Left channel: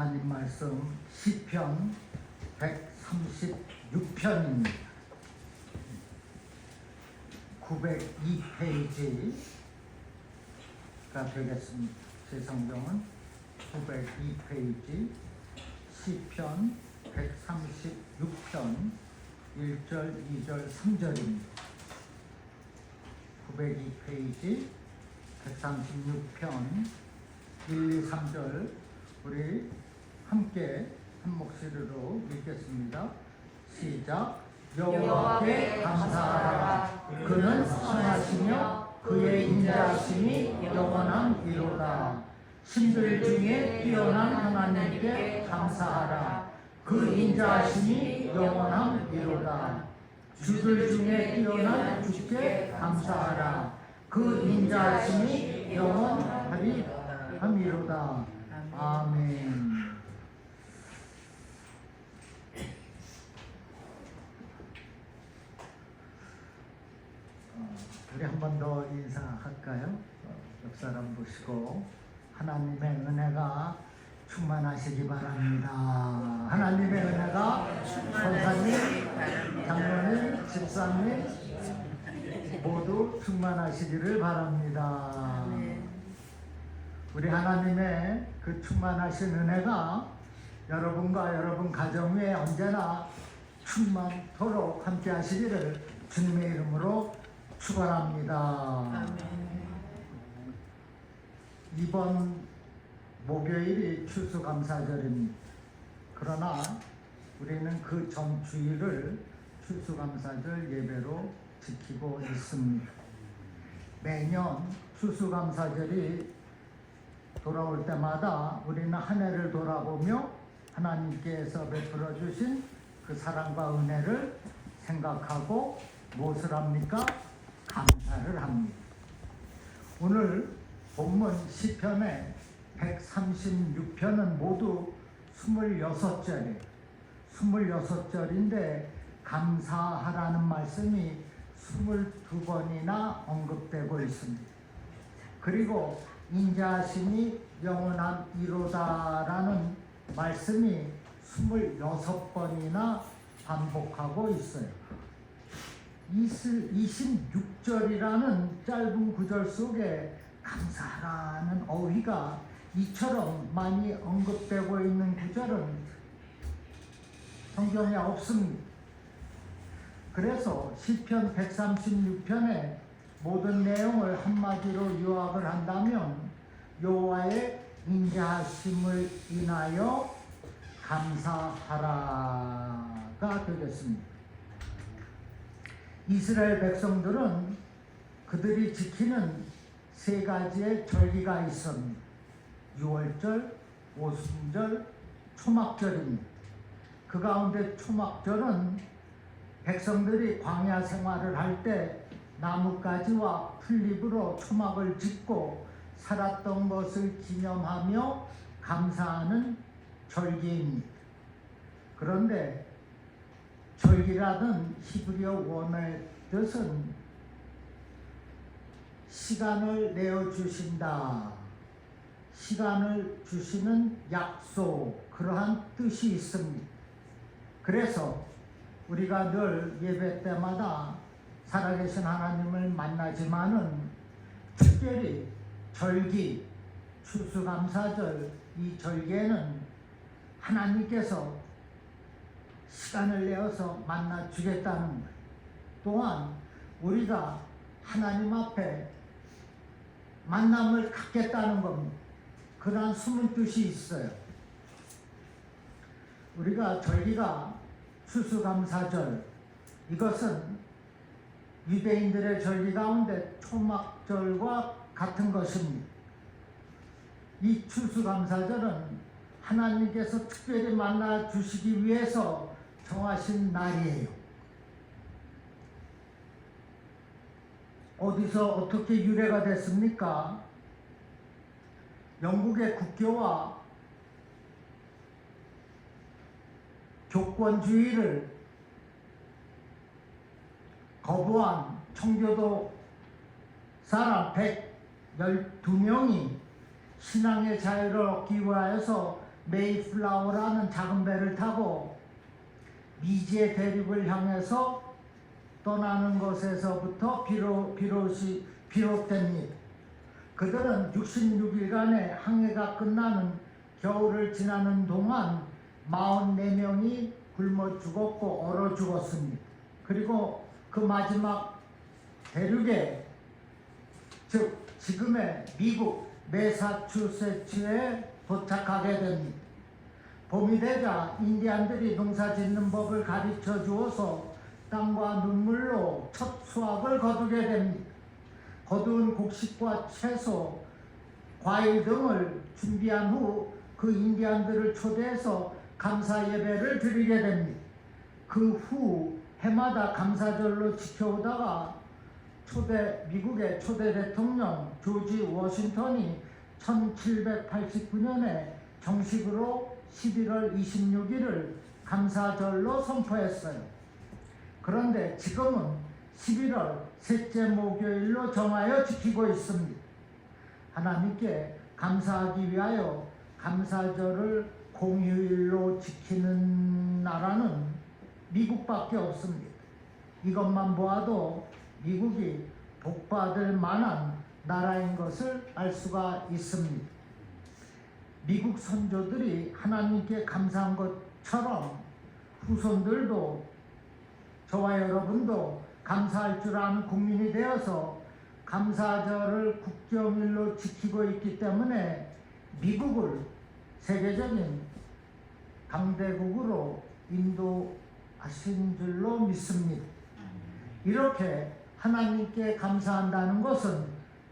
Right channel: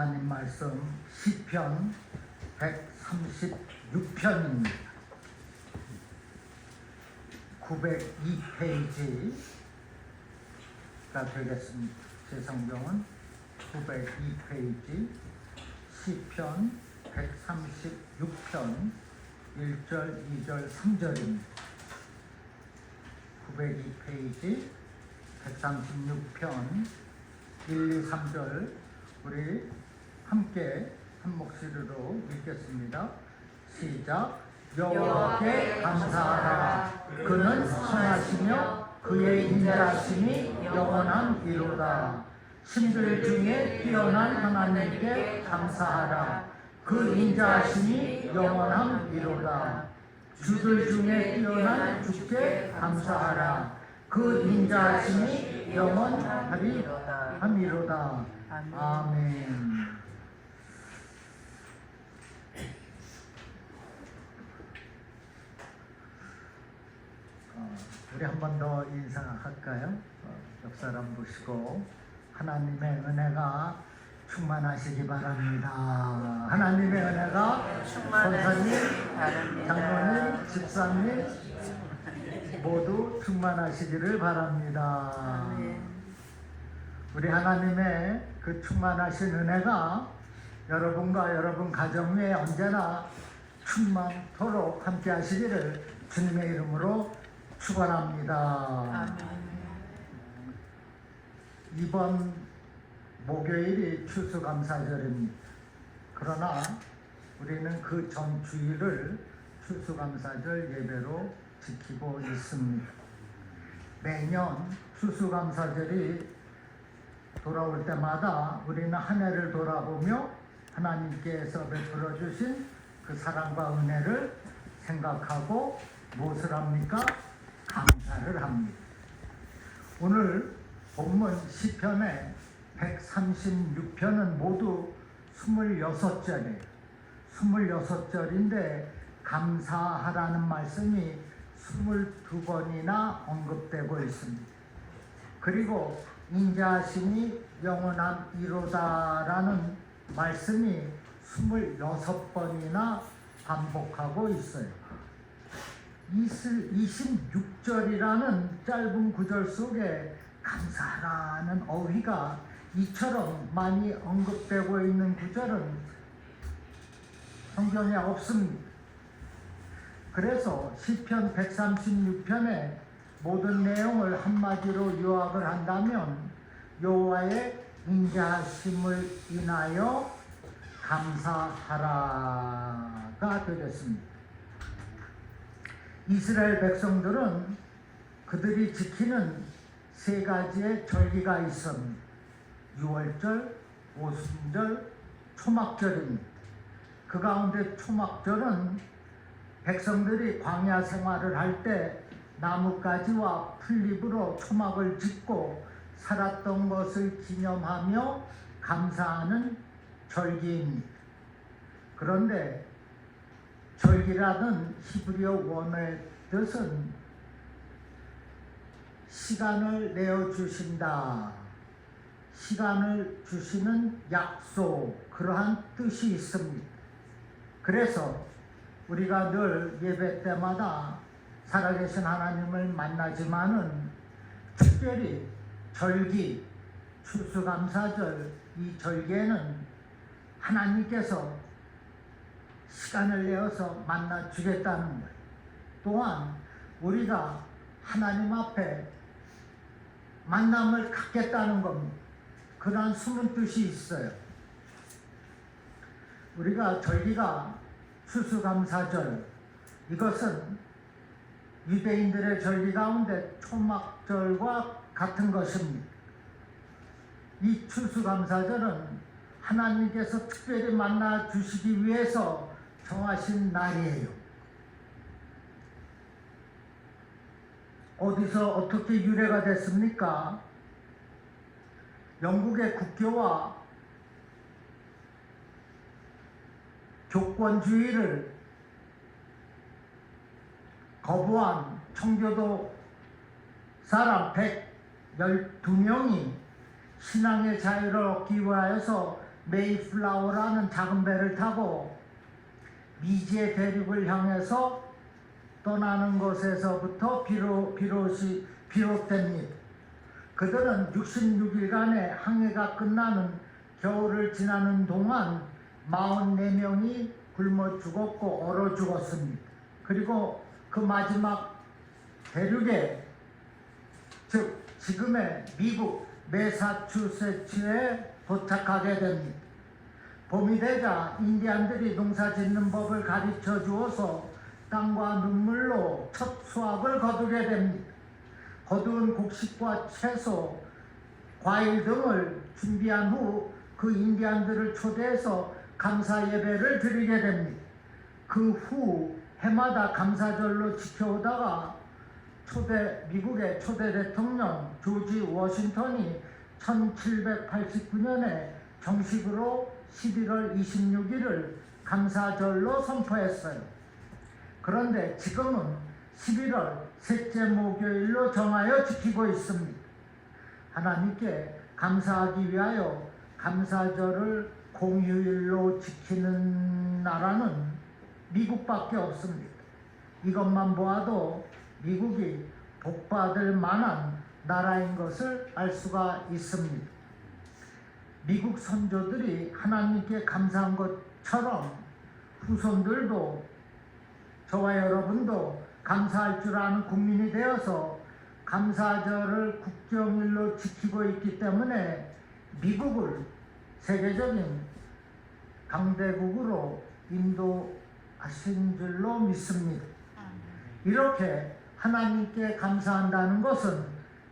하나님 말씀 시편 136편입니다. 902페이지가 되겠습니다. 제 성경은 902페이지 시편 136편 1절, 2절, 3절입니다. 902페이지 136편 1, 2, 3절 우리 함께 한 목소리로 읽겠습니다. 시작. 여호와께 감사하라. 그는 선하시며 그의 인자하심이 영원함이로다. 신들 중에 뛰어난 하나님께 감사하라. 그 인자하심이 영원함이로다. 주들 중에 뛰어난 주께 감사하라. 그 인자하심이 영원하리로다. 아멘. 우리 한 번 더 인사할까요? 옆 사람 보시고 하나님의 은혜가 충만하시기 바랍니다. 하나님의 은혜가 성사님, 장로님, 집사님 모두 충만하시기를 바랍니다. 우리 하나님의 그 충만하신 은혜가 여러분과 여러분 가정 위에 언제나 충만토록 함께 하시기를 주님의 이름으로 축원합니다. 아멘. 이번 목요일이 추수감사절입니다. 그러나 우리는 그 전 주일을 추수감사절 예배로 지키고 있습니다. 매년 추수감사절이 돌아올 때마다 우리는 한 해를 돌아보며 하나님께서 베풀어 주신 그 사랑과 은혜를 생각하고 무엇을 합니까? 감사를 합니다. 오늘 본문 시편의 136편은 모두 26절이에요. 26절인데 감사하라는 말씀이 22번이나 언급되고 있습니다. 그리고 인자하심이 영원함이로다라는 말씀이 26번이나 반복하고 있어요. 26절이라는 짧은 구절 속에 감사하라는 어휘가 이처럼 많이 언급되고 있는 구절은 성경에 없습니다. 그래서 시편 136편의 모든 내용을 한마디로 요약을 한다면 여호와의 인자하심을 인하여 감사하라가 되겠습니다. 이스라엘 백성들은 그들이 지키는 세 가지의 절기가 있습니다. 유월절, 오순절, 초막절입니다. 그 가운데 초막절은 백성들이 광야 생활을 할 때 나뭇가지와 풀잎으로 초막을 짓고 살았던 것을 기념하며 감사하는 절기입니다. 그런데 절기라는 히브리어 원어의 뜻은 시간을 내어주신다, 시간을 주시는 약속, 그러한 뜻이 있습니다. 그래서 우리가 늘 예배 때마다 살아계신 하나님을 만나지만은 특별히 절기, 추수감사절 이 절기에는 하나님께서 시간을 내어서 만나 주겠다는 것, 또한 우리가 하나님 앞에 만남을 갖겠다는 겁니다. 그러한 숨은 뜻이 있어요. 우리가 절기가 추수감사절, 이것은 유대인들의 절기 가운데 초막절과 같은 것입니다. 이 추수감사절은 하나님께서 특별히 만나 주시기 위해서 정하신 날이에요. 어디서 어떻게 유래가 됐습니까? 영국의 국교와 교권주의를 거부한 청교도 사람 112명이 신앙의 자유를 얻기 위하여서 메이플라워라는 작은 배를 타고 미지의 대륙을 향해서 떠나는 것에서부터 비롯됩니다. 그들은 66일간의 항해가 끝나는 겨울을 지나는 동안 44명이 굶어 죽었고 얼어 죽었습니다. 그리고 그 마지막 대륙에, 즉 지금의 미국 매사추세츠에 도착하게 됩니다. 봄이 되자 인디안들이 농사 짓는 법을 가르쳐 주어서 땀과 눈물로 첫 수확을 거두게 됩니다. 거두은 곡식과 채소, 과일 등을 준비한 후 그 인디안들을 초대해서 감사 예배를 드리게 됩니다. 그 후 해마다 감사절로 지켜오다가 미국의 초대 대통령 조지 워싱턴이 1789년에 정식으로 11월 26일을 감사절로 선포했어요. 그런데 지금은 11월 셋째 목요일로 정하여 지키고 있습니다. 하나님께 감사하기 위하여 감사절을 공휴일로 지키는 나라는 미국밖에 없습니다. 이것만 보아도 미국이 복받을 만한 나라인 것을 알 수가 있습니다. 미국 선조들이 하나님께 감사한 것처럼 후손들도, 저와 여러분도 감사할 줄 아는 국민이 되어서 감사절을 국경일로 지키고 있기 때문에 미국을 세계적인 강대국으로 인도하신 줄로 믿습니다. 이렇게 하나님께 감사한다는 것은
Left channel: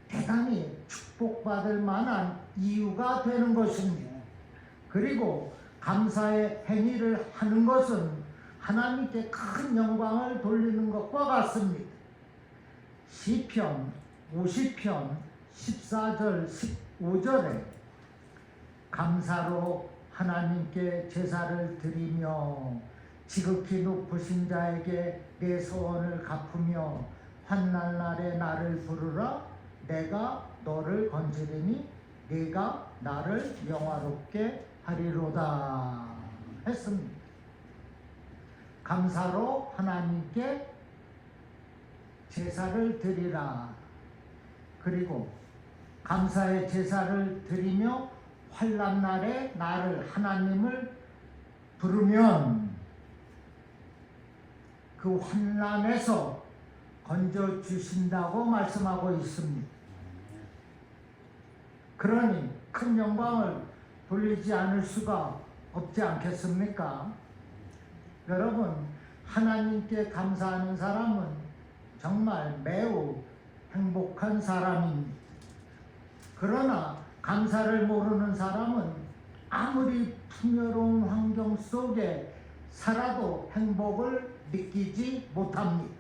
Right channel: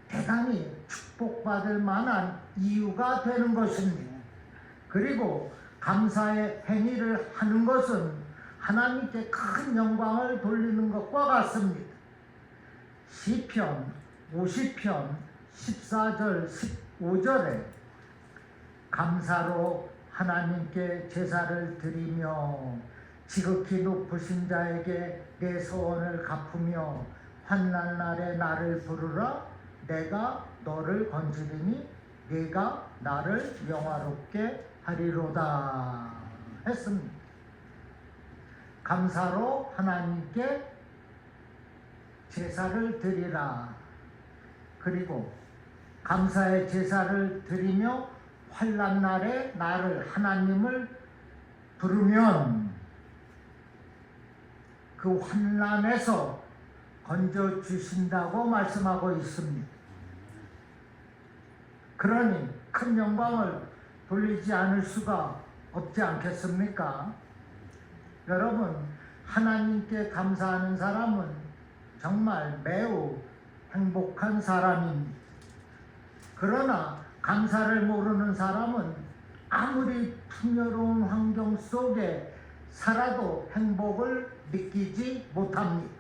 대단히 축복받을 만한 이유가 되는 것입니다. 그리고 감사의 행위를 하는 것은 하나님께 큰 영광을 돌리는 것과 같습니다. 시편 50편 14절 15절에 감사로 하나님께 제사를 드리며 지극히 높으신 자에게 내 소원을 갚으며 환난 날에 나를 부르라. 내가 너를 건지리니 네가 나를 영화롭게 하리로다 했습니다. 감사로 하나님께 제사를 드리라. 그리고 감사의 제사를 드리며 환난 날에 나를, 하나님을 부르면 그 환난에서 건져 주신다고 말씀하고 있습니다. 그러니 큰 영광을 돌리지 않을 수가 없지 않겠습니까? 여러분, 하나님께 감사하는 사람은 정말 매우 행복한 사람입니다. 그러나 감사를 모르는 사람은 아무리 풍요로운 환경 속에 살아도 행복을 느끼지 못합니다.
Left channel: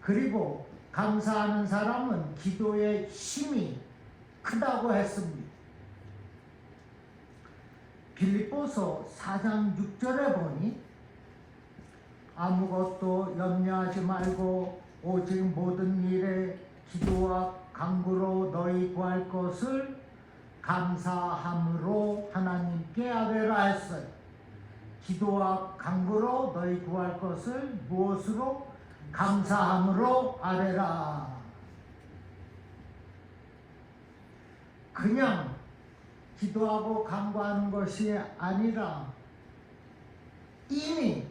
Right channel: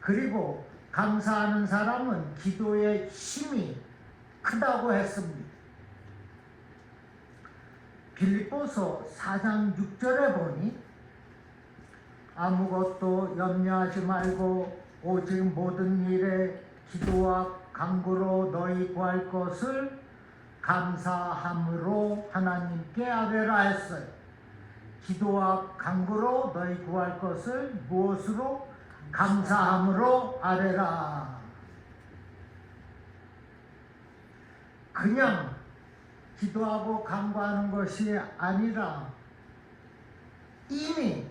그리고 감사하는 사람은 기도의 힘이 크다고 했습니다. 빌립보서 4장 6절에 보니 아무것도 염려하지 말고 오직 모든 일에 기도와 간구로 너희 구할 것을 감사함으로 하나님께 아뢰라 했어요. 기도와 간구로 너희 구할 것을 무엇으로? 감사함으로 아뢰라. 그냥 기도하고 간구하는 것이 아니라 이미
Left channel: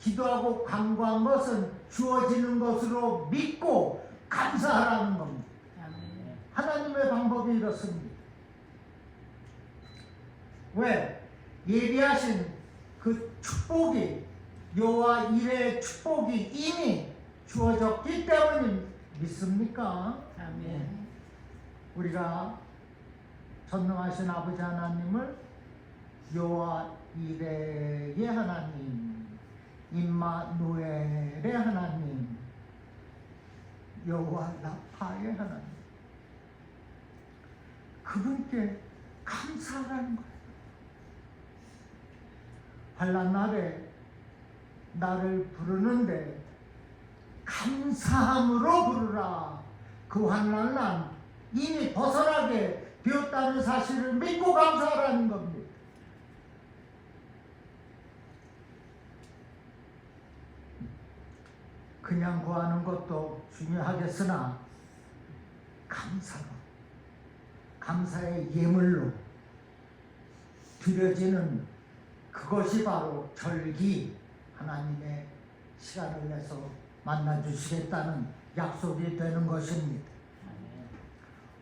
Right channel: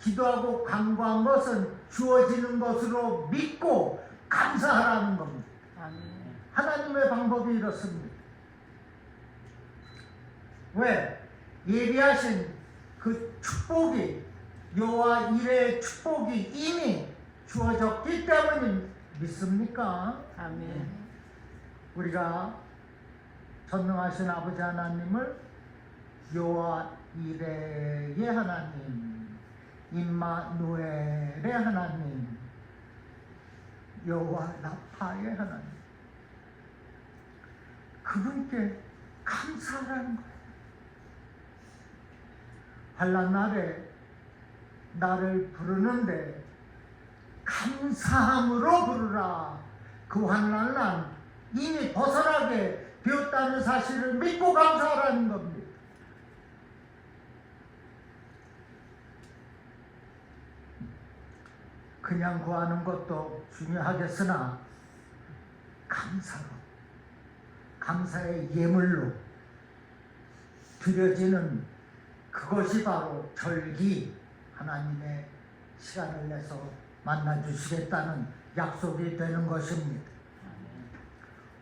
기도하고 간구한 것은 주어지는 것으로 믿고 감사하라는 겁니다. 아멘. 하나님의 방법이 이렇습니다. 왜? 예비하신 그 축복이, 여호와 이레의 축복이 이미 주어졌기 때문에 믿습니까? 아멘. 우리가 전능하신 아버지 하나님을 여호와 이레의 하나님, 임마누엘의 하나님, 여호와 라파의 하나님, 그분께 감사하라는 거예요. 환난 날에 나를 부르는데 감사함으로 부르라. 그 환난 날 이미 벗어나게 되었다는 사실을 믿고 감사하라는 겁니다. 그냥 구하는 것도 중요하겠으나 감사로, 감사의 예물로 드려지는 그것이 바로 절기, 하나님의 시간을 내서 만나주시겠다는 약속이 되는 것입니다.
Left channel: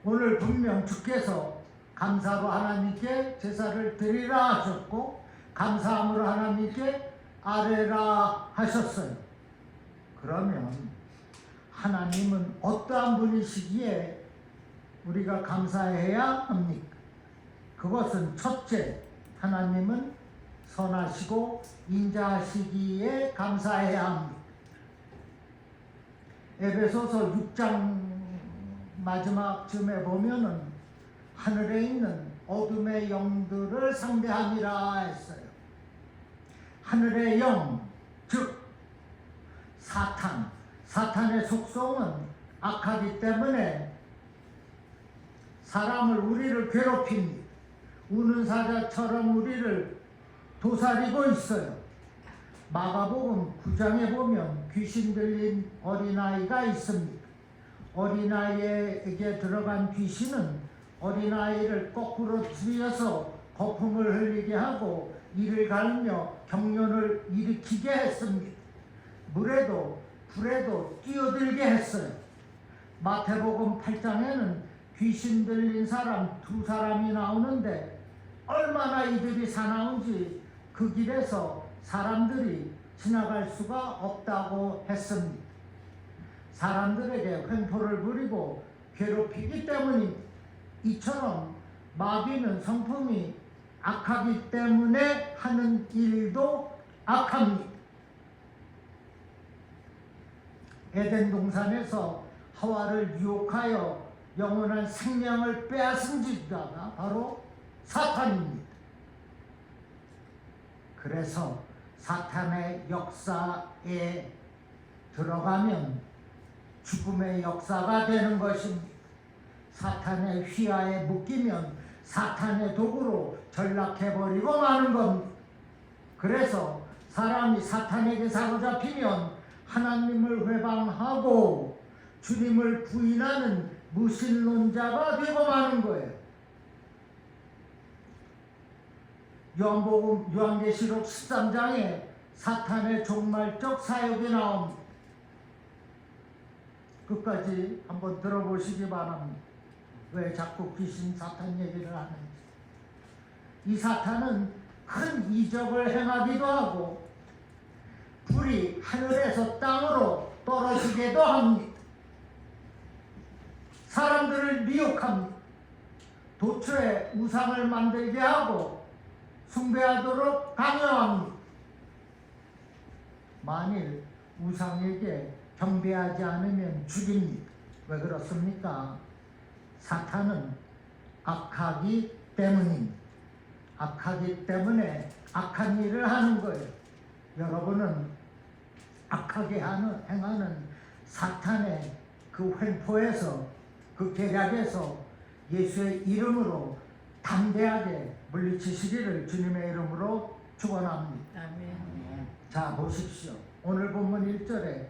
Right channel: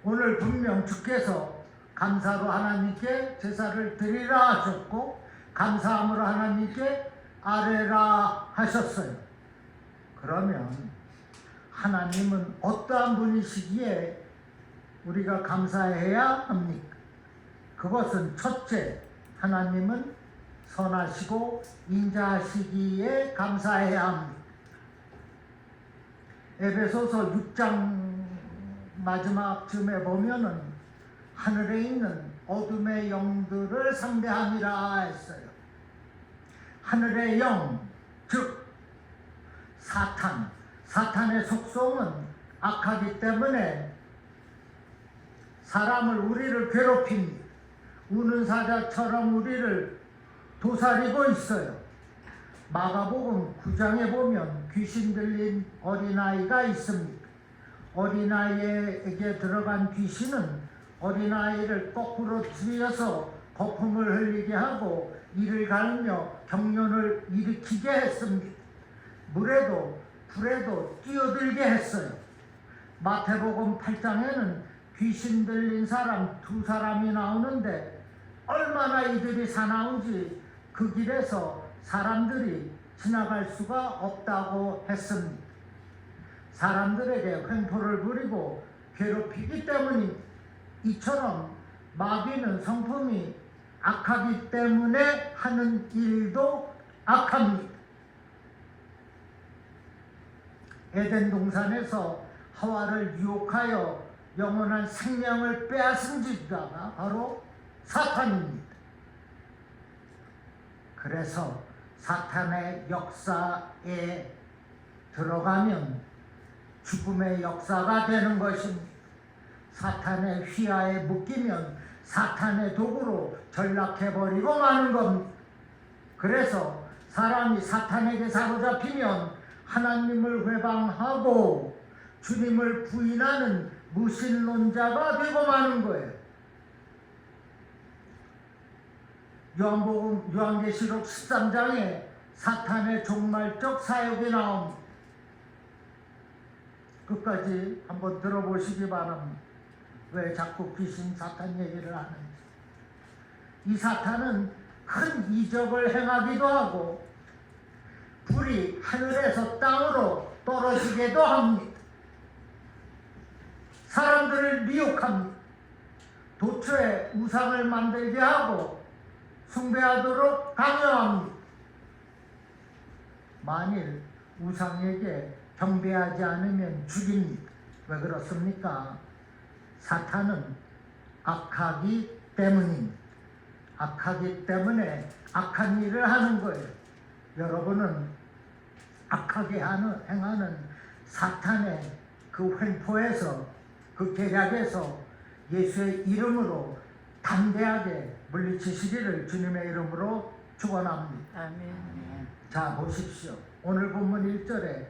오늘 분명 주께서 감사로 하나님께 제사를 드리라 하셨고 감사함으로 하나님께 아뢰라 하셨어요. 그러면 하나님은 어떠한 분이시기에 우리가 감사해야 합니까? 그것은 첫째, 하나님은 선하시고 인자하시기에 감사해야 합니다. 에베소서 6장 마지막쯤에 보면은 하늘에 있는 어둠의 영들을 상대함이라 했어요. 하늘의 영, 즉 사탄의 속성은 악하기 때문에 사람을, 우리를 괴롭힙니다. 우는 사자처럼 우리를 도사리고 있어요. 마가복음 9장에 보면 귀신 들린 어린아이가 있습니다. 어린아이에게 들어간 귀신은 어린아이를 거꾸로 들여서 거품을 흘리게 하고 이를 갈며 경련을 일으키게 했습니다. 물에도 불에도 뛰어들게 했어요. 마태복음 8장에는 귀신 들린 사람 2사람이 나오는데 얼마나 이들이 사나운지 그 길에서 사람들이 지나갈 수가 없다고 했습니다. 사람들에게 횡포를 부리고 괴롭히기 때문입니다. 이처럼 마귀는 성품이 악하기 때문에 하는 일도 악합니다. 에덴 동산에서 하와를 유혹하여 영원한 생명을 빼앗은 자가 바로 사탄입니다. 그래서 사탄의 역사에 들어가면 죽음의 역사가 되는 것입니다. 사탄의 휘하에 묶이면 사탄의 도구로 전락해버리고 마는 겁니다. 그래서 사람이 사탄에게 사로잡히면 하나님을 회방하고 주님을 부인하는 무신론자가 되고 마는 거예요. 요한계시록 13장에 사탄의 종말적 사역이 나옵니다. 끝까지 한번 들어보시기 바랍니다. 왜 자꾸 귀신 사탄 얘기를 하는지. 이 사탄은 큰 이적을 행하기도 하고 불이 하늘에서 땅으로 떨어지기도 합니다. 사람들을 미혹합니다. 도처에 우상을 만들게 하고 숭배하도록 강요합니다. 만일 우상에게 경배하지 않으면 죽입니다. 왜 그렇습니까? 사탄은 악하기 때문입니다. 악하기 때문에 악한 일을 하는 거예요. 여러분은 악하게 행하는 사탄의 그 횡포에서, 그 계략에서 예수의 이름으로 담대하게 물리치시기를 주님의 이름으로 축원합니다. 아멘. 자, 보십시오. 오늘 본문 1절에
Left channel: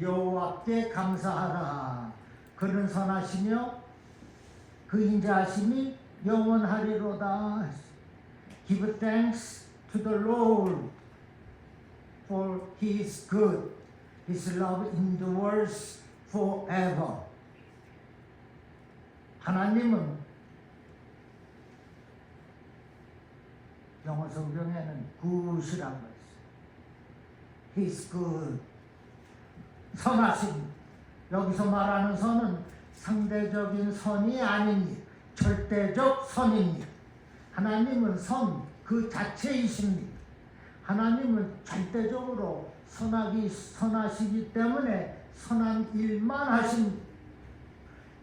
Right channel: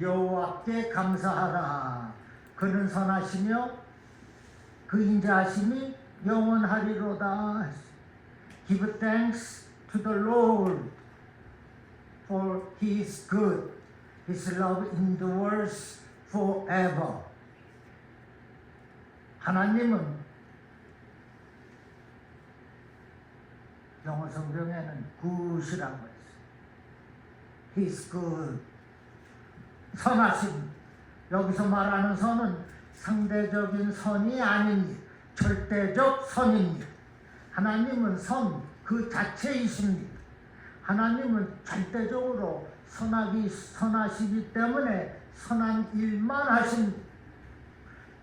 여호와께 감사하라. 그는 선하시며 그 인자하심이 영원하리로다. Give thanks to the Lord, for He is good. His love endures forever. 하나님은 영어 성경에는 good이라고 했어요. He is good. 선하심. 여기서 말하는 선은 상대적인 선이 아닙니다. 절대적 선입니다. 하나님은 선 그 자체이십니다. 하나님은 절대적으로 선하시기 때문에 선한 일만 하십니다.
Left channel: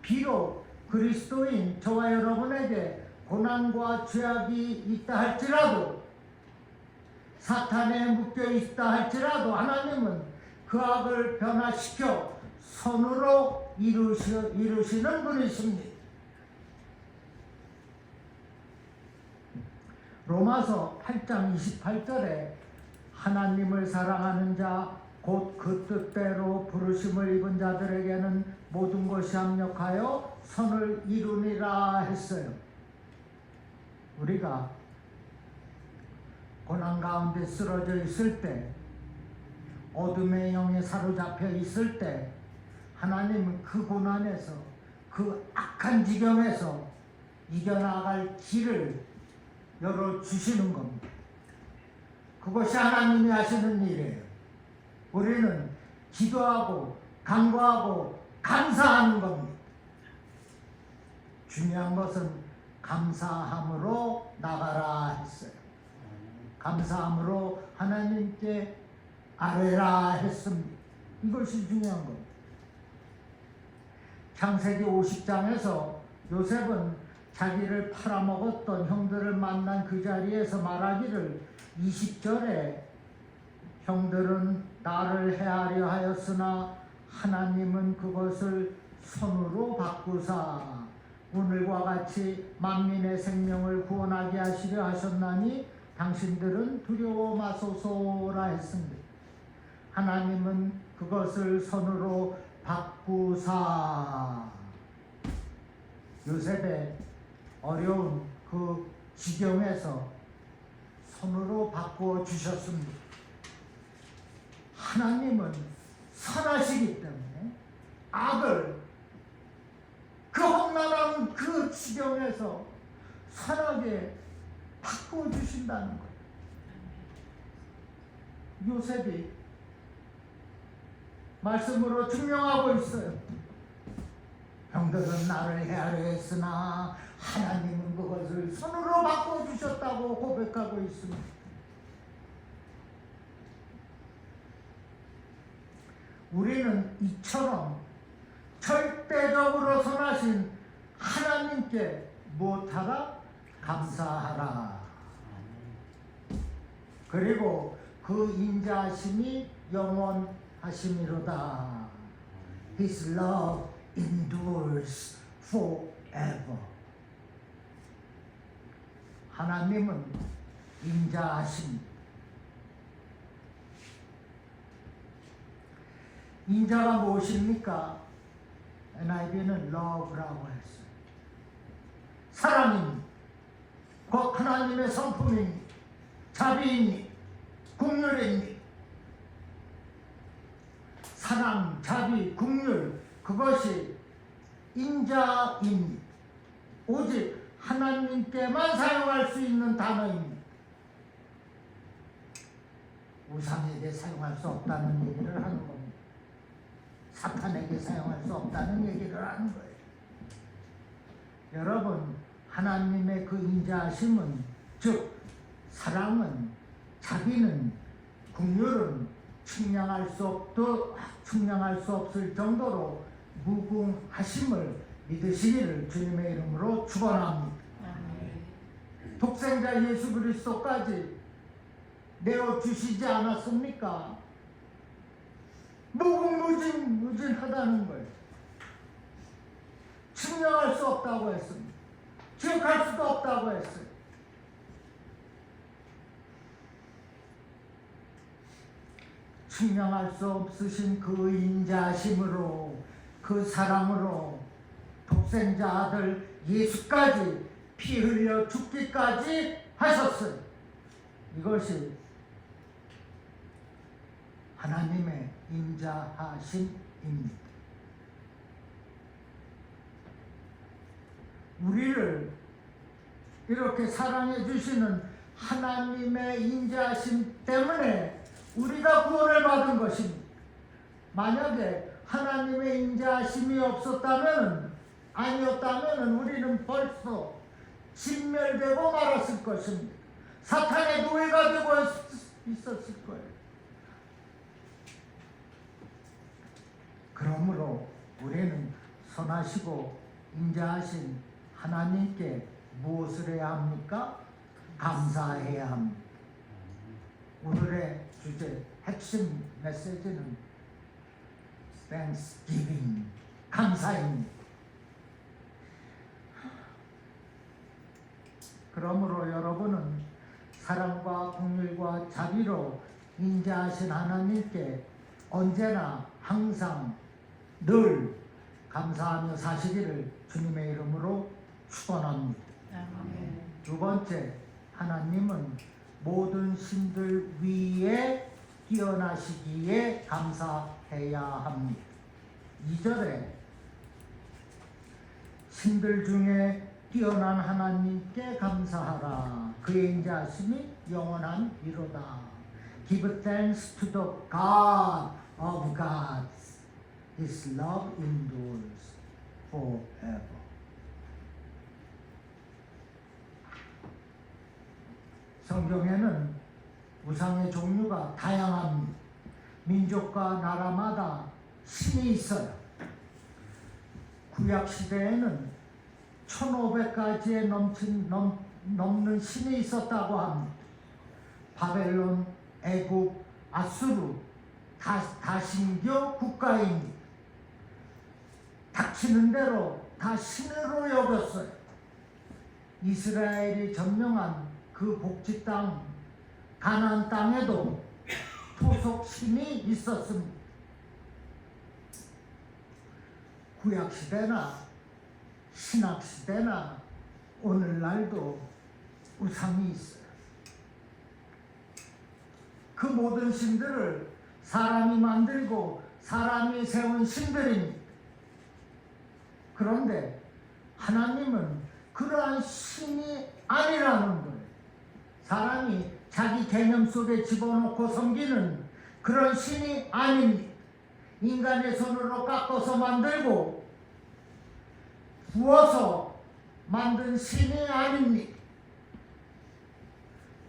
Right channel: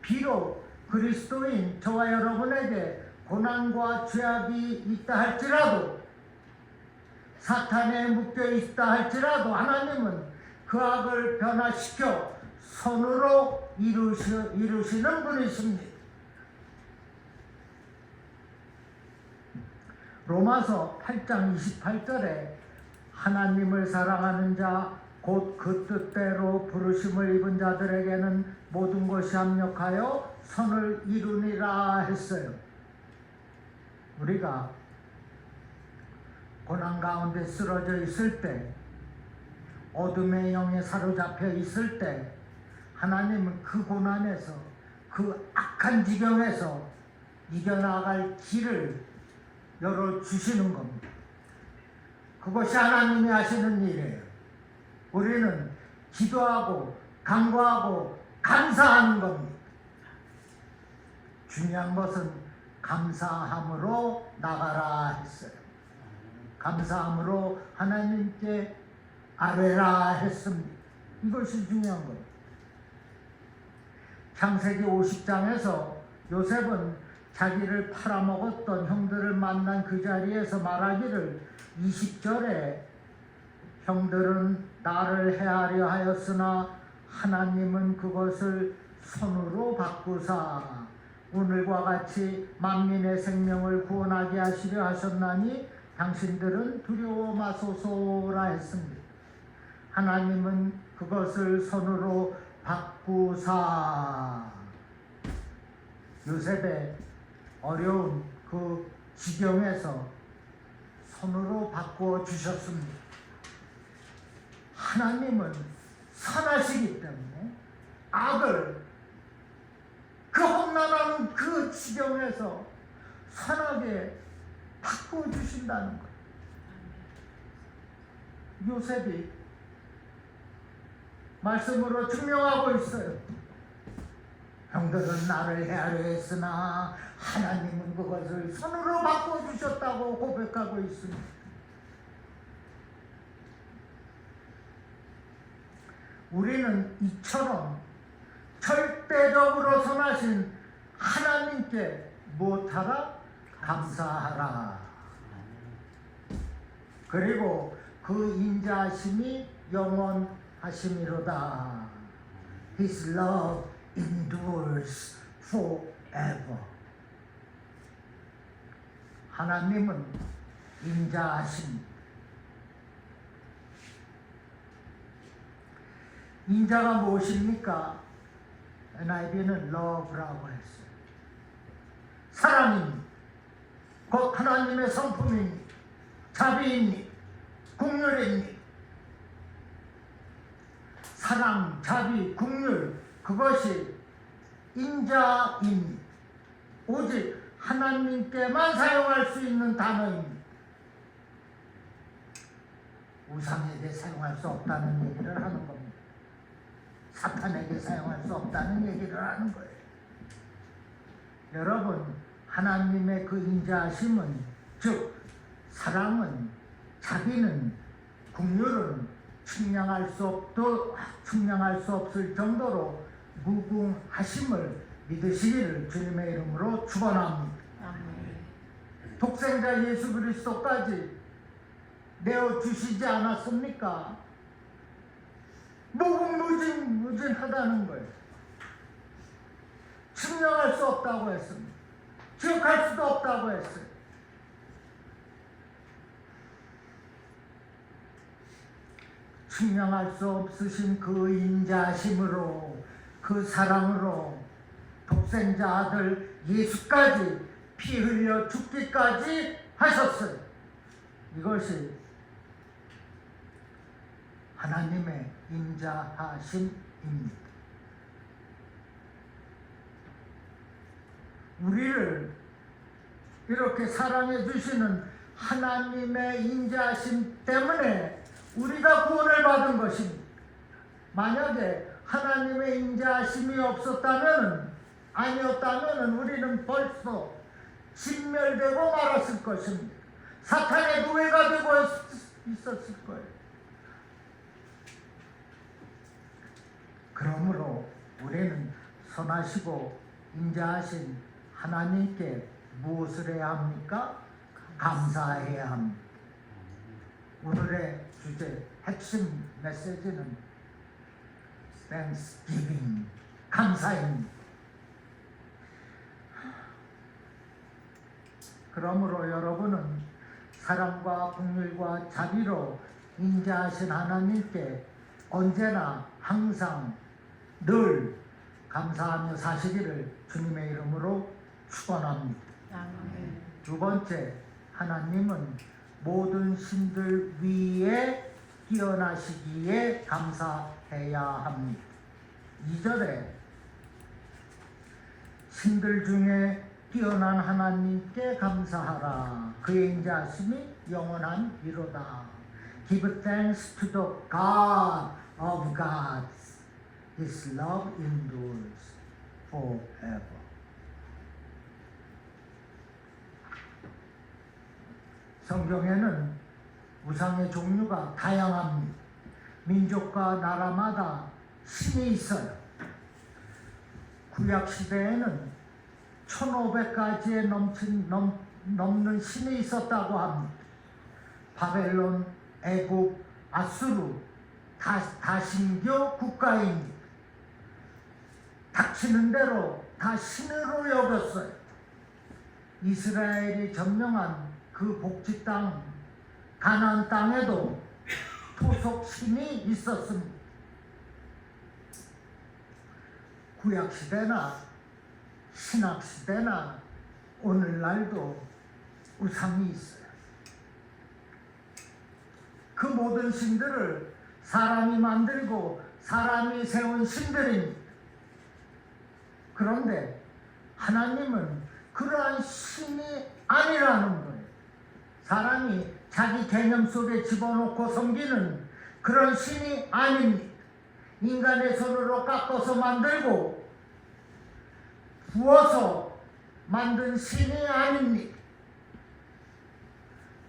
비록 그리스도인 저와 여러분에게 고난과 죄악이 있다 할지라도, 사탄에 묶여 있다 할지라도 하나님은 그 악을 변화시켜 선으로 이루시는 분이십니다. 로마서 8장 28절에 하나님을 사랑하는 자 곧 그 뜻대로 부르심을 입은 자들에게는 모든 것이 합력하여 선을 이루니라 했어요. 우리가 고난 가운데 쓰러져 있을 때, 어둠의 영에 사로잡혀 있을 때 하나님은 그 고난에서, 그 악한 지경에서 이겨나갈 길을 열어주시는 겁니다. 그것이 하나님이 하시는 일이에요. 우리는 기도하고 간구하고 감사하는 겁니다. 중요한 것은 감사함으로 나가라 했어요. 감사함으로 하나님께 아뢰라 했습니다. 이것이 중요한 거예요. 창세기 50장에서 요셉은 자기를 팔아먹었던 형들을 만난 그 자리에서 말하기를 20절에 형들은 나를 해하려 하였으나 하나님은 그것을 손으로 바꾸사 오늘과 같이 만민의 생명을 구원하게 하시려 하셨나니 당신들은 두려워 마소서라 했습니다. 하나님은 그것을 손으로 바꾸사 요셉의 어려운 그 지경에서 손으로 바꾸어 주셨습니다. 하나님은 선하시기 때문에 악을 그 험난한 그 지경에서 선하게 바꾸어 주신다는 거예요. 요셉이 말씀으로 증명하고 있어요. 형들은 나를 해하려 했으나 하나님은 그것을 손으로 바꿔주셨다고 고백하고 있습니다. 우리는 이처럼 절대적으로 선하신 하나님께 무엇하라? 감사하라. 그리고 그 인자하심이 영원하심이로다. His love endures forever. 하나님은 인자하심. 인자가 무엇입니까? NIV는 love라고 했어요. 사랑입니다. 곧 하나님의 성품입니다. 자비입니다. 긍휼입니다. 사랑, 자비, 긍휼, 그것이 인자입니다. 오직 하나님께만 사용할 수 있는 단어입니다. 우상에게 사용할 수 없다는 얘기를 하는 겁니다. 사탄에게 사용할 수 없다는 얘기를 하는 거예요. 여러분, 하나님의 그 인자하심은, 즉 사랑은, 자비는, 긍휼은 측량할 수 없을 정도로 무궁하심을 믿으시기를 주님의 이름으로 축원합니다. 독생자 예수 그리스도까지 내어주시지 않았습니까? 무궁무진하다는 거예요. 측량할 수 없다고 했습니다. 기억할 수도 없다고 했어요. 측량할 수 없으신 그 인자심으로, 그 사랑으로 독생자 아들 예수까지 피 흘려 죽기까지 하셨어요. 이것이 하나님의 인자하심입니다. 우리를 이렇게 사랑해 주시는 하나님의 인자하심 때문에 우리가 구원을 받은 것입니다. 만약에 하나님의 인자하심이 아니었다면 우리는 벌써 진멸되고 말았을 것입니다. 사탄의 노예가 되고 있었을 거예요. 그러므로 우리는 선하시고 인자하신 하나님께 무엇을 해야 합니까? 감사해야 합니다. 오늘의 주제 핵심 메시지는 Thanksgiving, 감사입니다. 그러므로 여러분은 사랑과 긍휼과 자비로 인자하신 하나님께 언제나 항상 늘 감사하며 사시기를 주님의 이름으로 축원합니다. 아멘. 두 번째, 하나님은 모든 신들 위에 뛰어나시기에 감사해야 합니다. 2절에 신들 중에 뛰어난 하나님께 감사하라. 그의 인자하심이 영원한 이로다. Give thanks to the God of gods. His love endures forever. 성경에는 우상의 종류가 다양합니다. 민족과 나라마다 신이 있어요. 구약 시대에는 1500가지에 넘는 신이 있었다고 합니다. 바벨론, 애굽, 아수르, 다신교 국가입니다. 닥치는 대로 다 신으로 여겼어요. 이스라엘이 점령한 그 복지 땅, 가나안 땅에도 토속 신이 있었습니다. 구약 시대나 신학 시대나 오늘날도 우상이 있어요. 그 모든 신들을 사람이 만들고 사람이 세운 신들입니다. 그런데 하나님은 그러한 신이 아니라는 거예요. 사람이 자기 개념 속에 집어넣고 섬기는 그런 신이 아닙니다. 인간의 손으로 깎아서 만들고 부어서 만든 신이 아닙니다.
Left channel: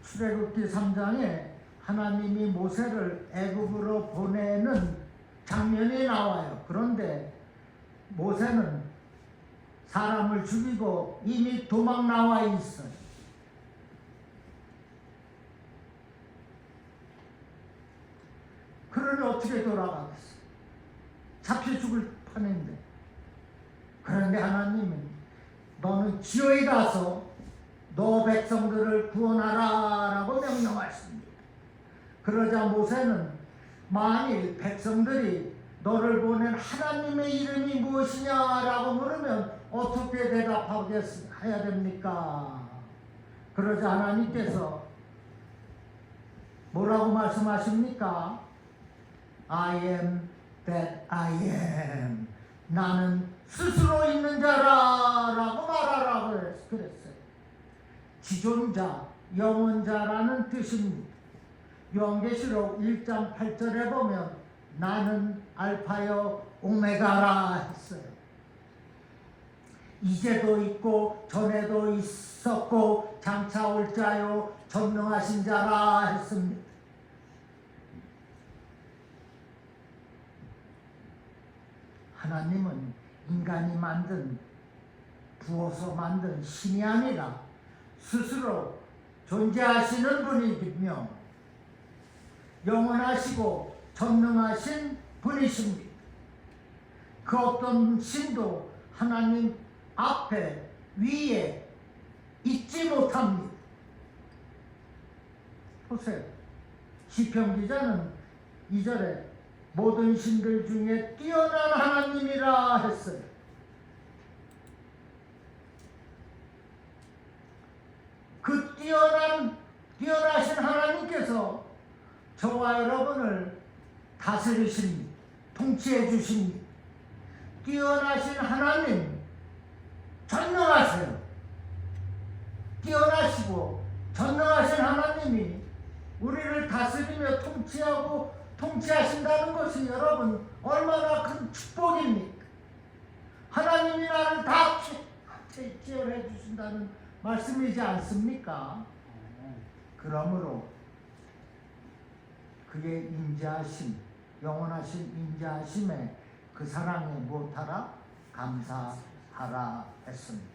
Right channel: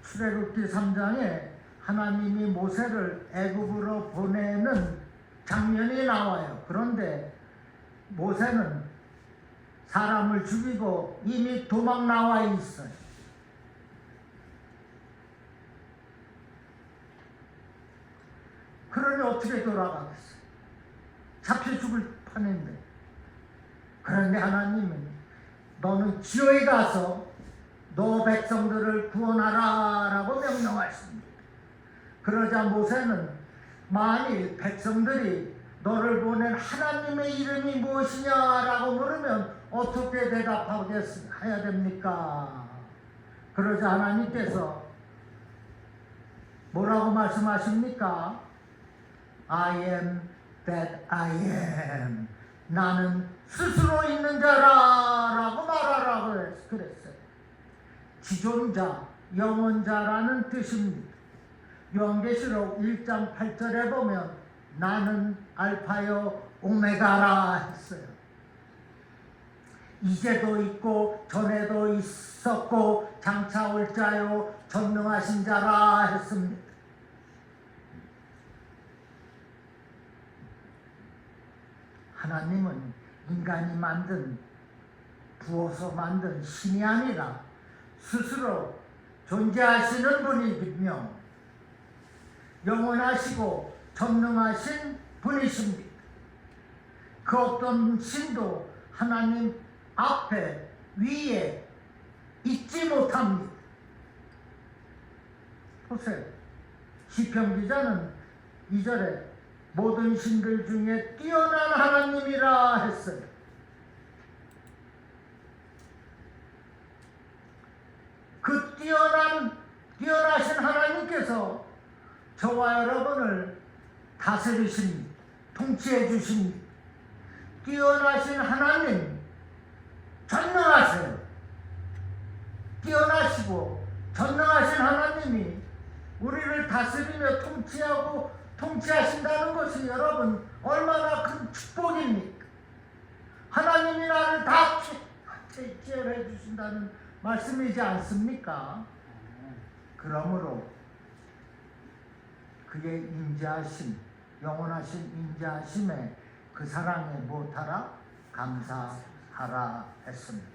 출애굽기 3장에 하나님이 모세를 애굽으로 보내는 장면이 나와요. 그런데 모세는 사람을 죽이고 이미 도망 나와 있어요. 그러니 어떻게 돌아가겠어요? 잡혀 죽을 판인데. 그런데 하나님은 너는 기어이 가서 너 백성들을 구원하라 라고 명령하십니다. 그러자 모세는 만일 백성들이 너를 보낸 하나님의 이름이 무엇이냐라고 물으면 어떻게 대답하야 됩니까? 그러자 하나님께서 뭐라고 말씀하십니까? I am that I am. 나는 스스로 있는 자라라고 말하라고 그랬어요. 지존자, 영원자라는 뜻입니다. 요한계시록 1장 8절에 보면 나는 알파요 오메가라 했어요. 이제도 있고 전에도 있었고 장차 올 자요 전능하신 자라 했습니다. 하나님은 인간이 부어서 만든 신이 아니라 스스로 존재하시는 분이며 영원하시고 전능하신 분이십니다. 그 어떤 신도 하나님 앞에 위에 있지 못합니다. 보세요. 시편 기자는 2절에 모든 신들 중에 뛰어난 하나님이라 했어요. 그 뛰어나신 하나님께서 저와 여러분을 다스리십니다. 통치해 주십니다. 뛰어나신 하나님, 전능하세요. 뛰어나시고 전능하신 하나님이 우리를 다스리며 통치하신다는 것이 여러분 얼마나 큰 축복입니까? 하나님이 나를 다 케어해 주신다는 말씀이지 않습니까? 그러므로 그의 인자하심, 영원하신 인자하심에 그 사랑에 못하라 감사하라 했습니다.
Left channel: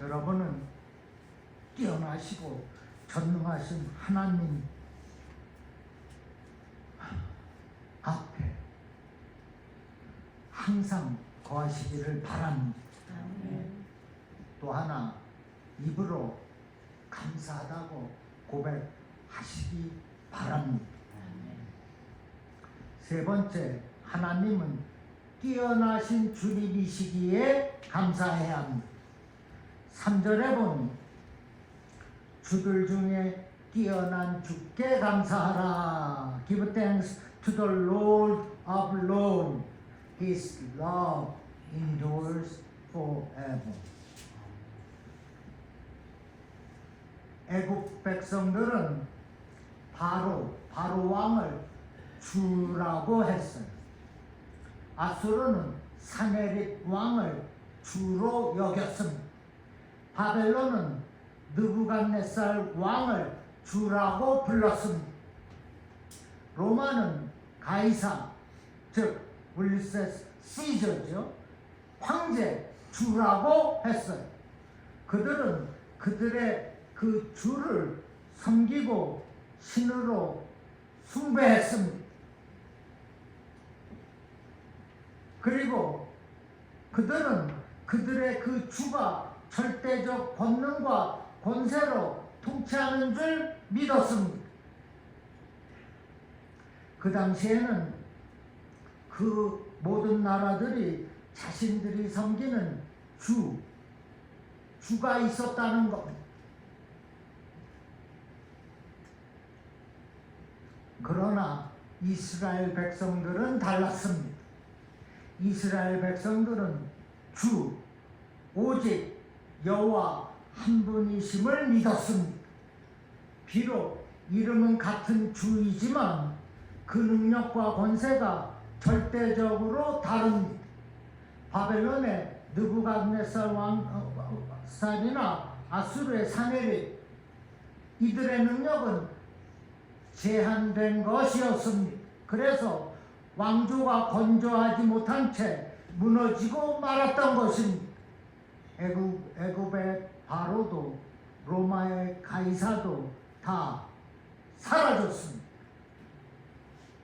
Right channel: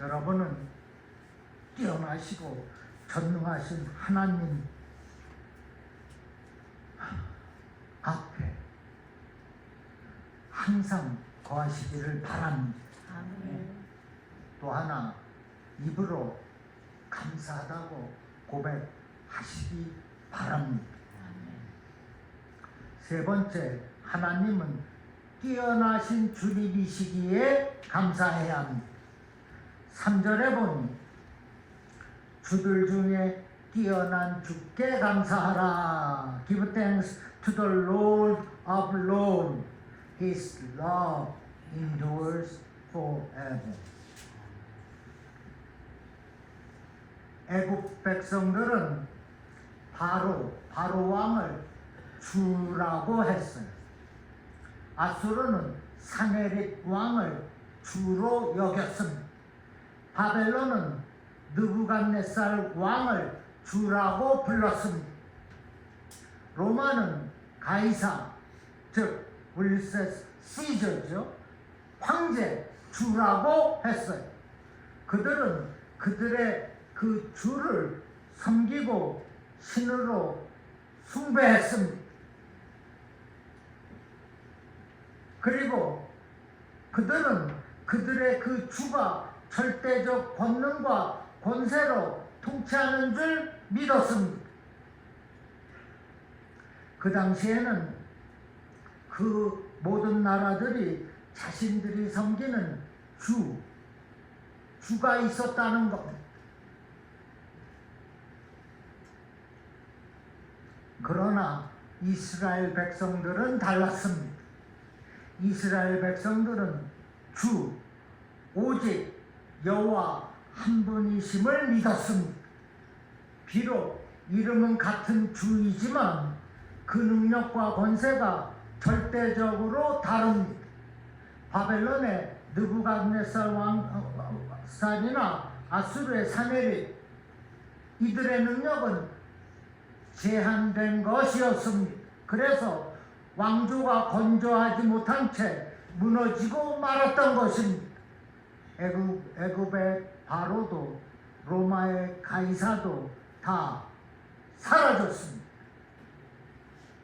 여러분은 뛰어나시고 전능하신 하나님 앞에 항상 거하시기를 바랍니다. 아멘. 또 하나 입으로 감사하다고 고백하시기 바랍니다. 세 번째, 하나님은 뛰어나신 주님이시기에 감사해야 합니다. 3절에 보니 주들 중에 뛰어난 주께 감사하라. Give thanks to the Lord of Lords. His love endures forever. 애국 백성들은 바로 왕을 주라고 했어요. 아수르는 사네립 왕을 주로 여겼습니다. 바벨론은 느부갓네살 왕을 주라고 불렀습니다. 로마는 가이사, 즉 율리세스 시저죠. 황제 주라고 했어요. 그들은 그들의 그 주를 섬기고 신으로 숭배했습니다. 그리고 그들은 그들의 그 주가 절대적 권능과 권세로 통치하는 줄 믿었습니다. 그 당시에는 그 모든 나라들이 자신들이 섬기는 주가 있었다는 겁니다. 그러나 이스라엘 백성들은 달랐습니다. 이스라엘 백성들은 오직 여호와 한 분이심을 믿었습니다. 비록 이름은 같은 주이지만 그 능력과 권세가 절대적으로 다릅니다. 바벨론의 느부갓네살 왕살이나 아수르의 사네립, 이들의 능력은 제한된 것이었습니다. 그래서 왕조가 건조하지 못한 채 무너지고 말았던 것입니다. 애굽의 바로도 로마의 가이사도 다 사라졌습니다.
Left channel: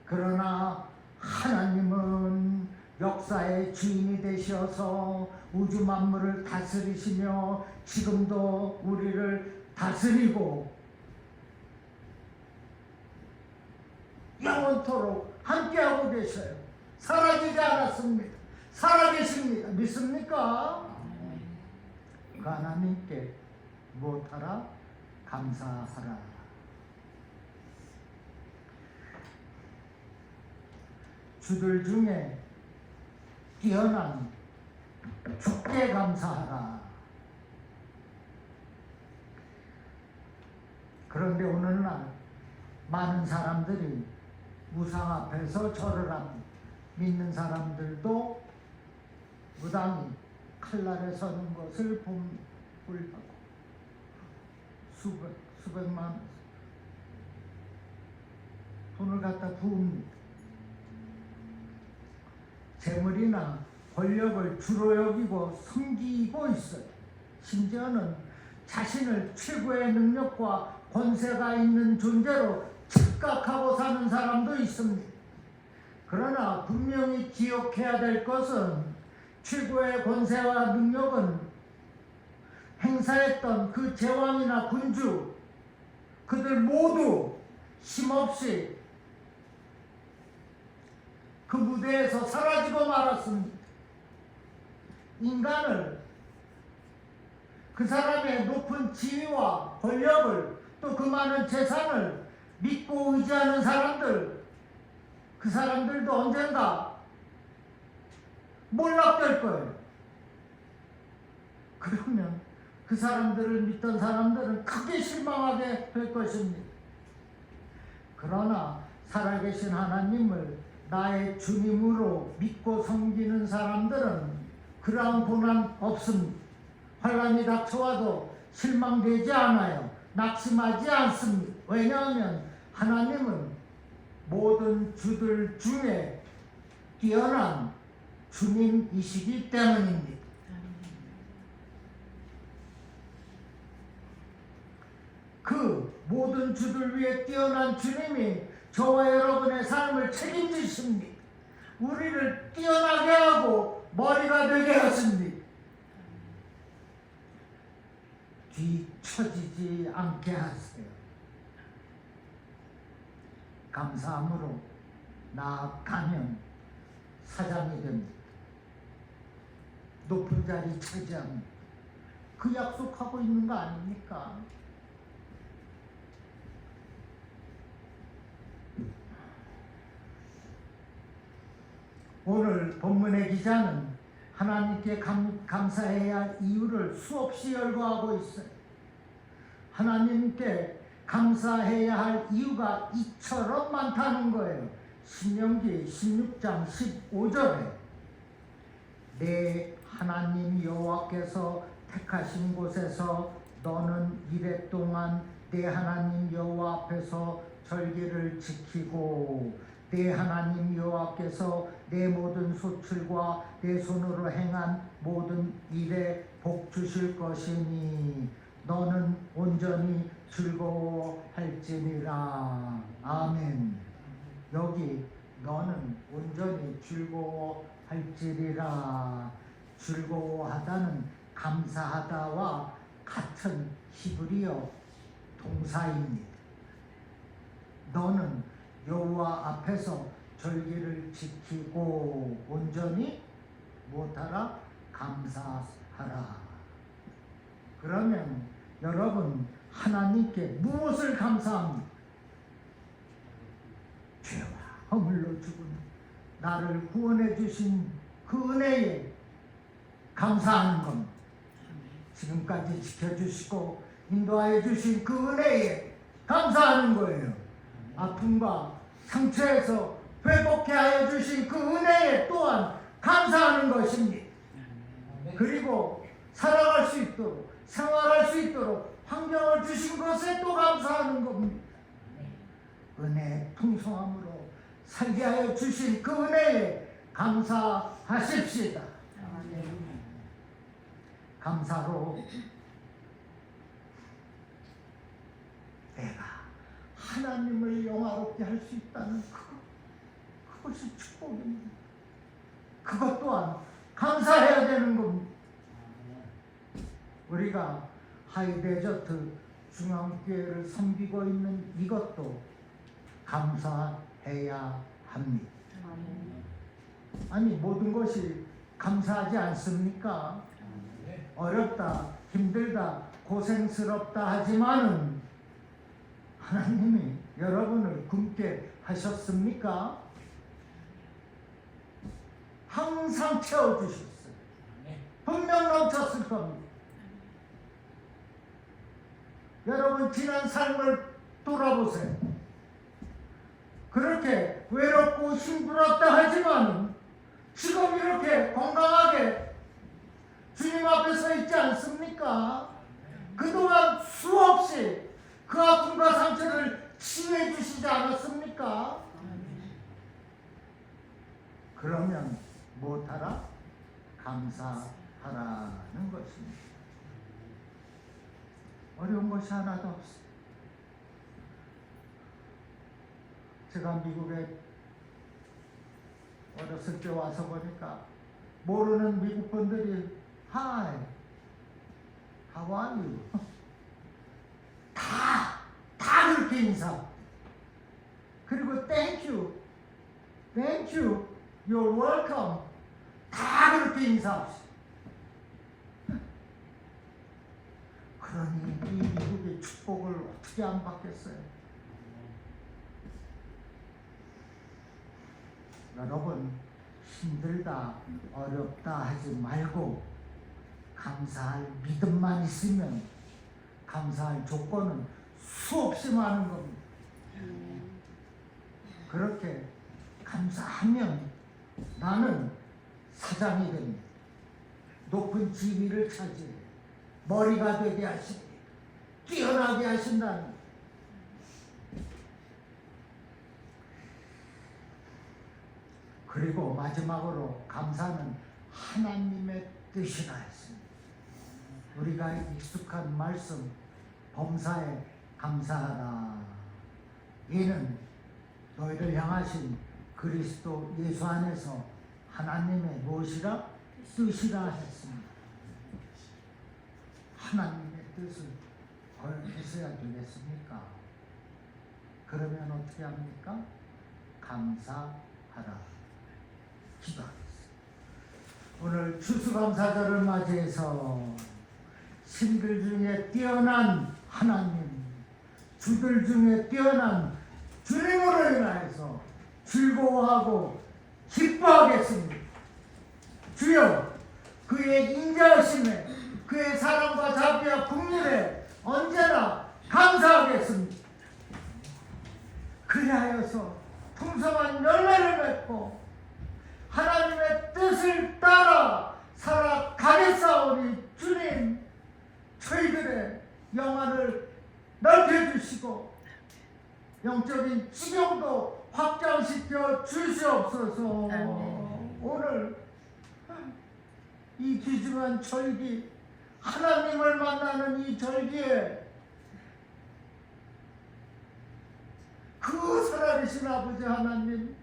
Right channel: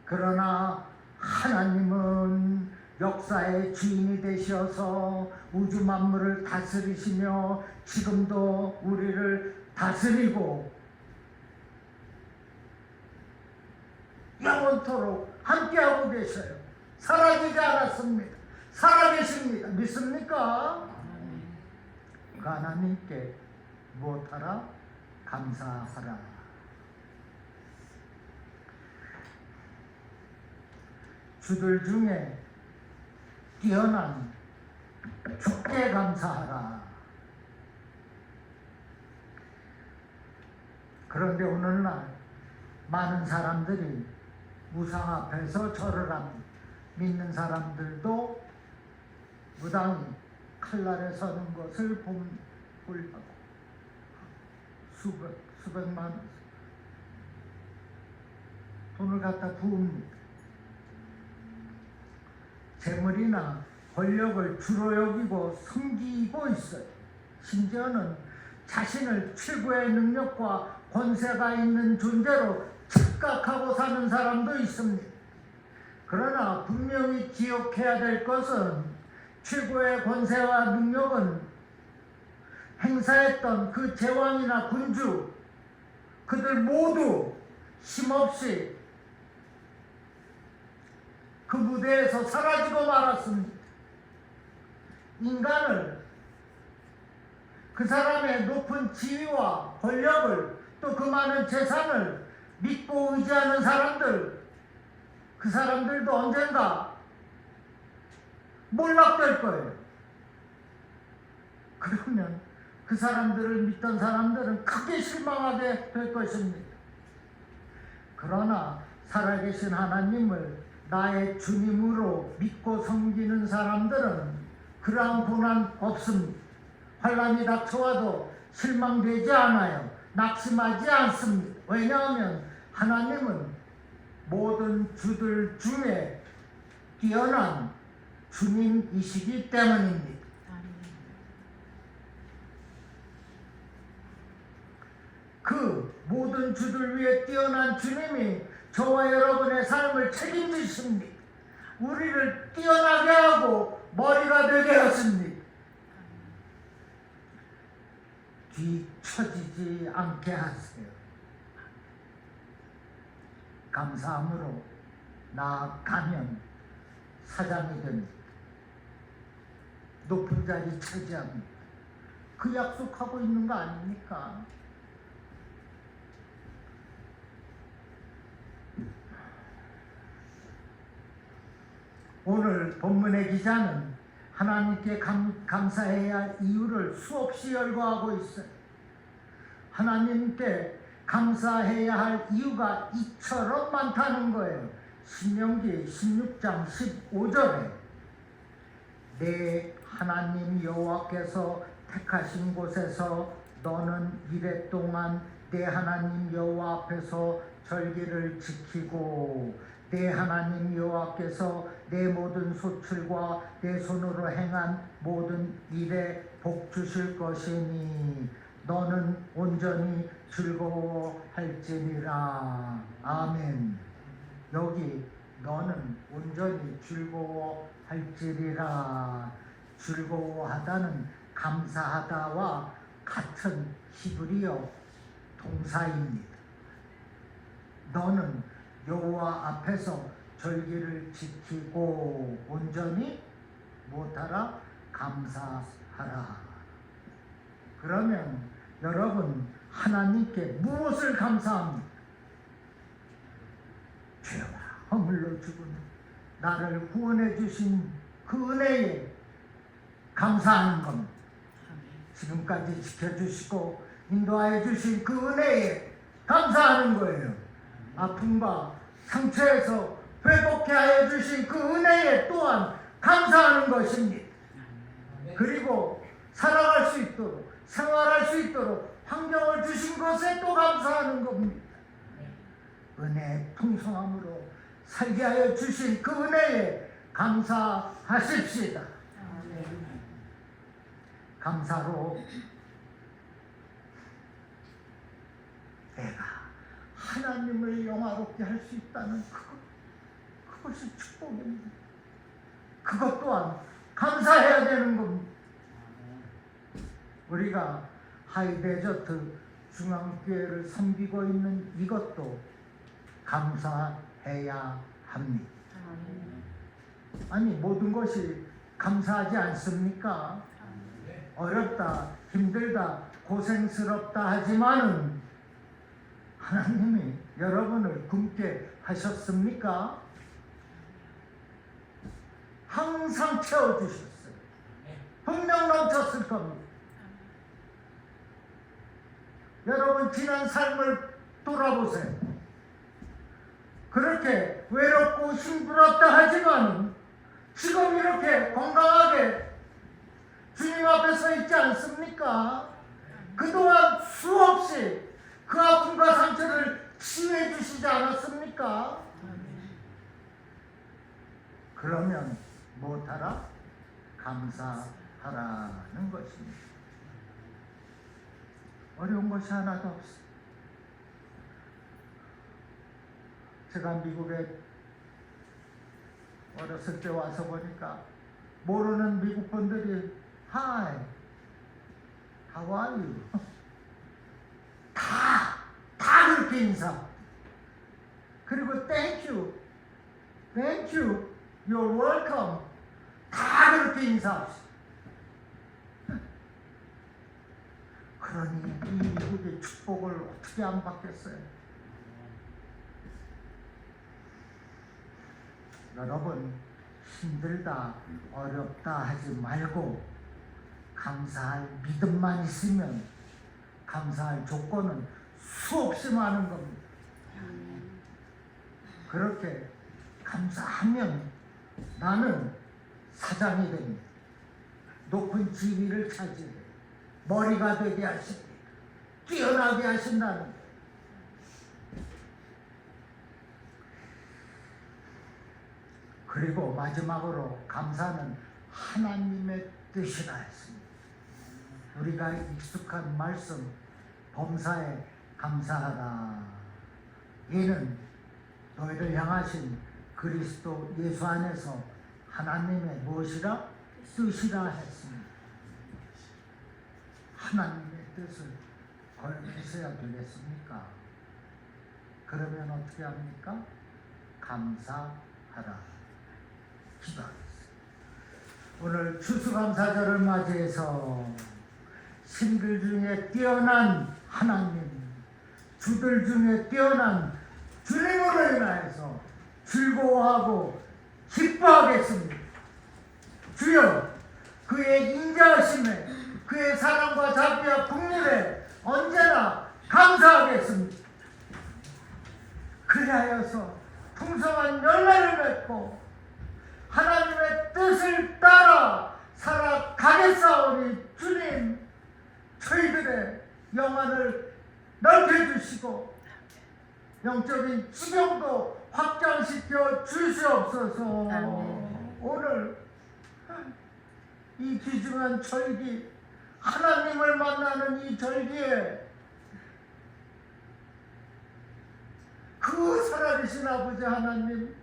그러나 하나님은 역사의 주인이 되셔서 우주 만물을 다스리시며 지금도 우리를 다스리고 영원토록 함께하고 계셔요. 사라지지 않았습니다. 살아계십니다. 믿습니까? 그 하나님께 무엇하라? 감사하라. 주들 중에 뛰어난 주께 감사하라. 그런데 오늘날 많은 사람들이 우상 앞에서 절을 합니다. 믿는 사람들도 무당이 칼날에 서는 것을 봅니다. 수백만 원 돈을 갖다 부읍니다. 재물이나 권력을 주로 여기고 섬기고 있어요. 심지어는 자신을 최고의 능력과 권세가 있는 존재로 착각하고 사는 사람도 있습니다. 그러나 분명히 기억해야 될 것은 최고의 권세와 능력은 행사했던 그 제왕이나 군주, 그들 모두 힘없이 그 무대에서 사라지고 말았습니다. 인간을, 그 사람의 높은 지위와 권력을, 또 그 많은 재산을 믿고 의지하는 사람들, 그 사람들도 언젠가 몰락될 거예요. 그러면 그 사람들을 믿던 사람들은 크게 실망하게 될 것입니다. 그러나 살아계신 하나님을 나의 주님으로 믿고 섬기는 사람들은 그러한 고난 없습니다. 환난이 닥쳐와도 실망되지 않아요. 낙심하지 않습니다. 왜냐하면 하나님은 모든 주들 중에 뛰어난 주님이시기 때문입니다. 그 모든 주들 위에 뛰어난 주님이 저와 여러분의 삶을 책임지십니다. 우리를 뛰어나게 하고 머리가 되게 하십니다. 뒤처지지 않게 하세요. 감사함으로 나아가면 사장이 됩니다. 높은 자리 차지합니다. 그 약속하고 있는 거 아닙니까? 오늘 본문의 기자는 하나님께 감사해야 할 이유를 수없이 열거하고 있어요. 하나님께 감사해야 할 이유가 이처럼 많다는 거예요. 신명기 16장 15절에 내 하나님 여호와께서 택하신 곳에서 너는 이래 동안 내 하나님 여호와 앞에서 절기를 지키고 내 하나님 여호와께서 내 모든 소출과 내 손으로 행한 모든 일에 복 주실 것이니 너는 온전히 즐거워할지니라. 아멘. 여기 너는 온전히 즐거워할지니라. 즐거워하다는 감사하다와 같은 히브리어 동사입니다. 너는 여호와 앞에서 절기를 지키고 온전히 못하라 감사하라. 그러면 여러분 하나님께 무엇을 감사합니까? 죄와 허물로 죽은 나를 구원해 주신 그 은혜에 감사하는 겁니다. 지금까지 지켜주시고 인도하여 주신 그 은혜에 감사하는 거예요. 아픔과 상처에서 회복해 하여 주신 그 은혜에 또한 감사하는 것입니다. 그리고 살아갈 수 있도록 생활할 수 있도록 환경을 주신 것에 또 감사하는 겁니다. 은혜의 풍성함으로 살게 하여 주신 그 은혜에 감사하십시다. 감사로 내가 하나님을 영화롭게 할 수 있다는 그것이 축복입니다. 그것 또한 감사해야 되는 겁니다. 우리가 하이데저트 중앙교회를 섬기고 있는 이것도 감사해야 합니다. 아니 모든 것이 감사하지 않습니까? 어렵다, 힘들다, 고생스럽다 하지만은 하나님이 여러분을 굶게 하셨습니까? 항상 채워주셨어요. 분명 넘쳤을 겁니다. 여러분 지난 삶을 돌아보세요. 그렇게 외롭고 힘들었다 하지만 지금 이렇게 건강하게 주님 앞에 서 있지 않습니까? 그동안 수없이 그 아픔과 상처를 치유해 주시지 않았습니까? 그러면 못하라? 감사하라는 것입니다. 어려운 것이 하나도 없어요. 제가 미국에 어렸을 때 와서 보니까 모르는 미국 분들이 Hi, how are you? 다 그렇게 인사. 그리고 Thank you, you're welcome. 다 그렇게 인사합시다. 그러니 이 미국의 축복을 어떻게 안 받겠어요? 여러분 힘들다, 어렵다 하지 말고 감사할 믿음만 있으면 감사할 조건은 수없이 많은 겁니다. 그렇게 감사하면 나는 사장이 됩니다. 높은 지위를 차지해 머리가 되게 하십니다. 뛰어나게 하신다는. 그리고 마지막으로 감사는 하나님의 뜻이라 했습니다. 우리가 익숙한 말씀 범사에 감사하라. 이는 너희를 향하신 그리스도 예수 안에서 하나님의 무엇이라? 뜻이라 했습니다. 하나님의 뜻을 거역해서야 되겠습니까? 그러면 어떻게 합니까? 감사하라. 기도하겠습니다. 오늘 추수감사절을 맞이해서 신들 중에 뛰어난 하나님, 주들 중에 뛰어난 주님으로 인하여서 즐거워하고 기뻐하겠습니다. 주여, 그의 인자하심에, 그의 사랑과 자비와 국률에 언제나 감사하겠습니다. 그리하여서 풍성한 열매를 맺고 하나님의 뜻을 따라 살아가겠사오니 주님, 저희들의 영안을 넓혀주시고 영적인 지경도 확장시켜 주시옵소서. 아멘. 오늘 이 귀중한 절기, 하나님을 만나는 이 절기에 그 살아계신 아버지 하나님,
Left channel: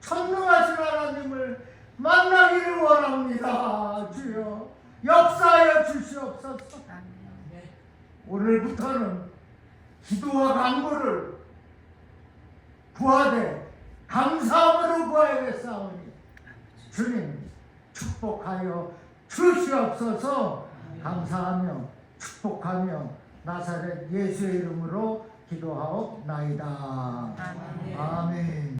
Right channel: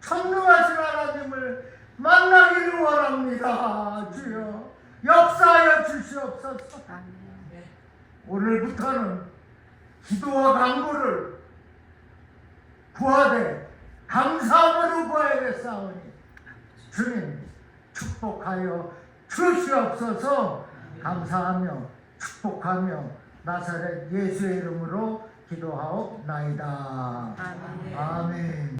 전능하신 하나님을 만나기를 원합니다. 주여 역사하여 주시옵소서. 아멘. 오늘부터는 기도와 간구를 구하되 감사함으로 구하야겠사오니 주님 축복하여 주시옵소서. 감사하며 축복하며 나사렛 예수의 이름으로 기도하옵나이다. 아멘. 아멘.